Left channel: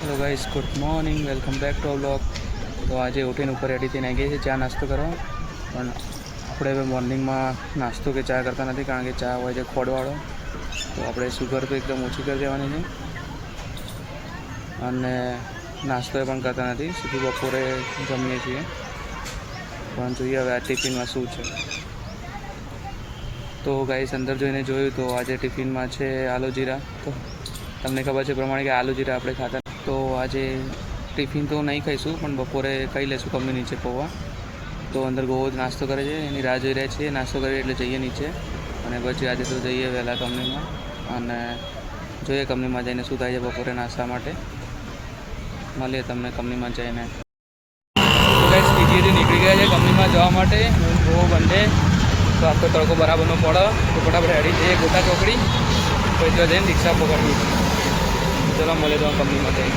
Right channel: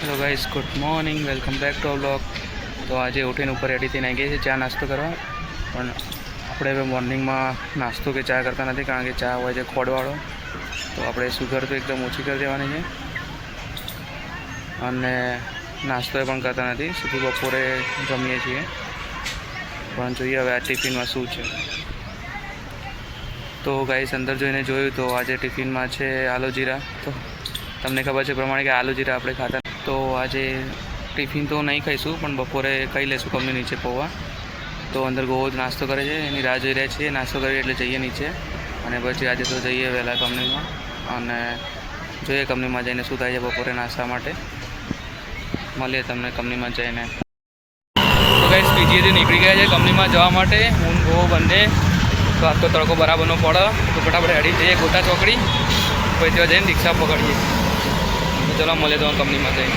Hello guys, good morning, welcome back to blog. તો આજે ઉઠીને ઉપર રેડી થઈને આવી ગયા છે ચા નાસ્તો કરવા. પણ આપણે હવે મોર્નિંગમાં નાસ્તો કે ચા કરતા નથી, કારણ કે ચા હોય છે ખોડવાળો. તો આપણે સુગર તો એકદમ ઓછી કરી દેવાની છે અને નાસ્તો એ પણ કરતા નથી, સીધું બપોરે જમીએ છીએ. પણ જોઈએ હવે આ ટિફિનમાં શું છે. તો ગાઈસ, અંદર જોઈને જોયું તો આજે ટિફિનમાં છે આલુ જીરા. તો તમને ખબર છે પ્રમાણે કે આલુ જીરા આપણે ખાતા, તો આજે ટિફિન તો નહીં ખાઈશું, પણ બપોરે ખાઈ લઈશું કંપની નીચે પૌવા. તો અંદર ગોવો જ નાસ્તો કરે છે, એની રાહ જોઈ રહ્યા છીએ. નાસ્તો કરીએ એટલે જઈએ નીચે, અને પછી આજે તો જઈએ વહેલા કંપનીમાં અને જોઈએ કંપનીમાં જઈને શું થાય છે બપોરે નાસ્તા માટે. મળીએ તમને કંપનીમાં જઈને. તો ગાઈસ, પીજીએથી નીકળી ગયા છે કંપનીમાં જવા માટે, હું ગોવો બંને. તો આજ તો તડકો બરાબર ન પડે, તો ફટાફટ હેડી જઈએ ગોતા ચોકડી, પછી ત્યાં જઈને રિક્ષા પકડીએ. ચલો મળે તો કંપનીમાં જઈએ.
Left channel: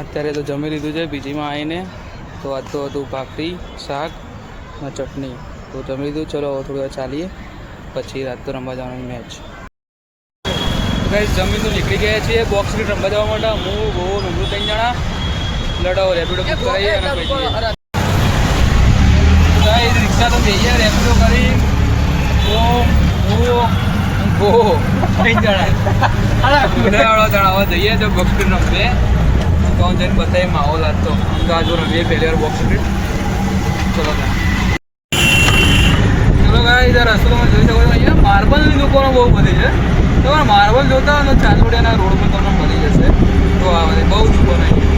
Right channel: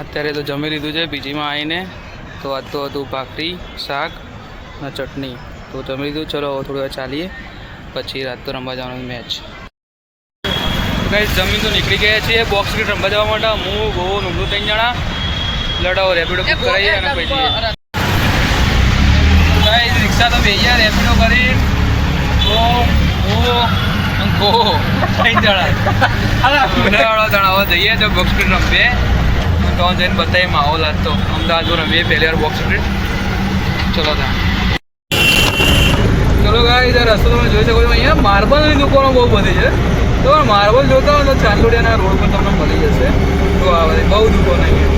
અત્યારે તો જમી લીધું છે પીજીમાં આવીને. તો આજ તો હતું ભાખરી, શાક અને ચટણી. તો જમી લીધું. ચલો હવે થોડી વાર ચાલીએ, પછી રાત તો રમવા જવાનું મેચ. ગાઈસ, જમીન તો નીકળી ગયા છીએ બોક્સ ક્રિકેટ રમવા જવા માટે. હું ગોવો નમરું 3 જણા લડાવો રેપિડો બુક કરાવીએ અને પછી ગાઈસ રિક્ષા તો બેહીએ રેપિડો કરી. તો હું ગોવો 3 જણા લડાવાળો તણાવ જઈએ તો બોક્સ ક્રિકેટ રમીએ. તો જઈને બતાવીએ માહોલ. આજ તો અમદાવાદ રમીએ પહેલી વાર બોક્સ ક્રિકેટ. ચલો ત્યાં. ચલો ગાઈસ, રસ્તો તમે જોઈ શકો છો. અહીંયા માર્બલની દુકાનો બહુ બધી છે. તો માર્બલ જોતા હોય તો ચાંદોડિયાના રોડ પર તમને મળી જશે. તો આવે બહુ દુકાન અહીંયા.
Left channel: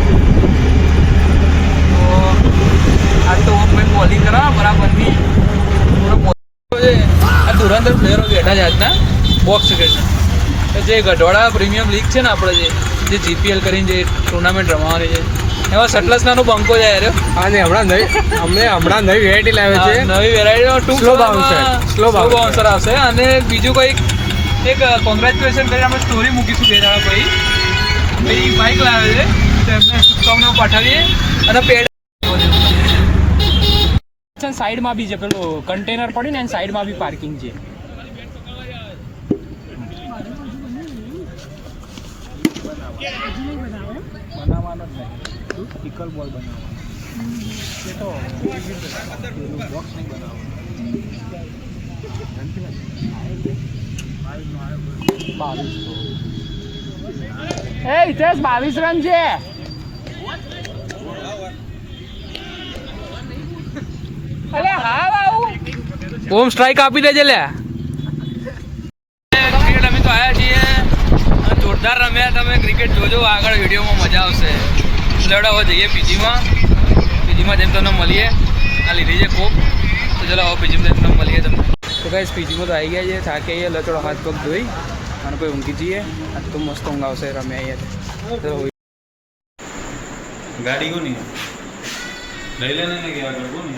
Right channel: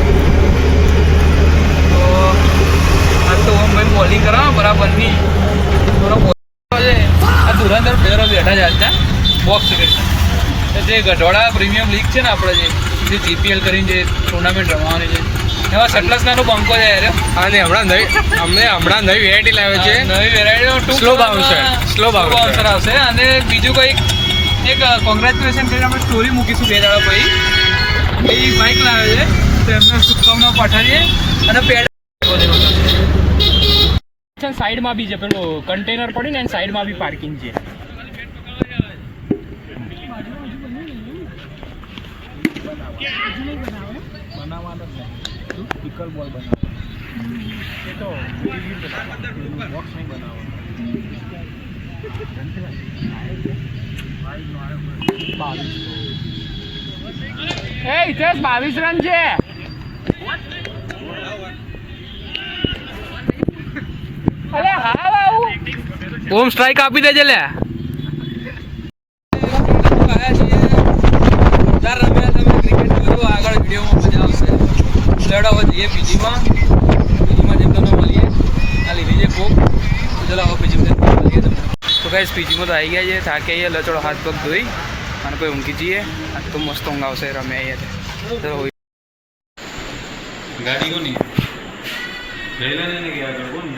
તો આજ તો મેં બોલિંગ કરવા બરાબરની આ ધુરંધર પ્લેયરો બેઠા છે આજના બોક્સ ક્રિકેટ. જે ગઢોડા પ્રીમિયમ લીગ છે ને આપણે જે જીપીએલ કરીને જે ટુર્નામેન્ટ રમવાની છે, એમાં સટલસનાનું બંકો જાય રે. અને હમણાં નવી વેરાયટી લાવે છે. નવી વેરાયટી સ્લો બાઉન્સર આવશે. અને બીજું કંઈક એક કોંગ્રેચ્યુલેશન કરીને આપણે સ્ટોરી મૂકીશું 2 દાડા પછી બાઇક લાવે છે, તો એમને શુભકામનાઓ પાઠવીએ. અને પેડ સાઈડમાં બી છે પેલું કન્ટેનર પડ્યું ને, સાઈડમાં બી પાર્કિંગ છે. એ 22 રન છે. ઓમ સ્ટ્રાઇક આપી દેજે લે. ક્રિકેટ અમે તો આવ્યા છીએ, જોરદાર રમ્યા. તમે ક્રિકેટ જોજો, આગળ વિડીયોમાં મજા આવશે. લડાવો જઈએ પીજીમાં જેમ તમને મળીએ. આ લીધી છે કોક. તો ચલો આવો પીજીમાં તમને મળીએ તમને. તો ગાઈસ, પીજીમાં તો આવી ગયા છે, થાકી આવીએ, લચડો હાથ પગ ધોઈ અને પછી ઊંઘી જઈએ. આજ તો મસ્ત ઊંઘ આવશે રમે અહીંયા. ચલો ગાડી કોની લઈ લેને કે યાર કોણ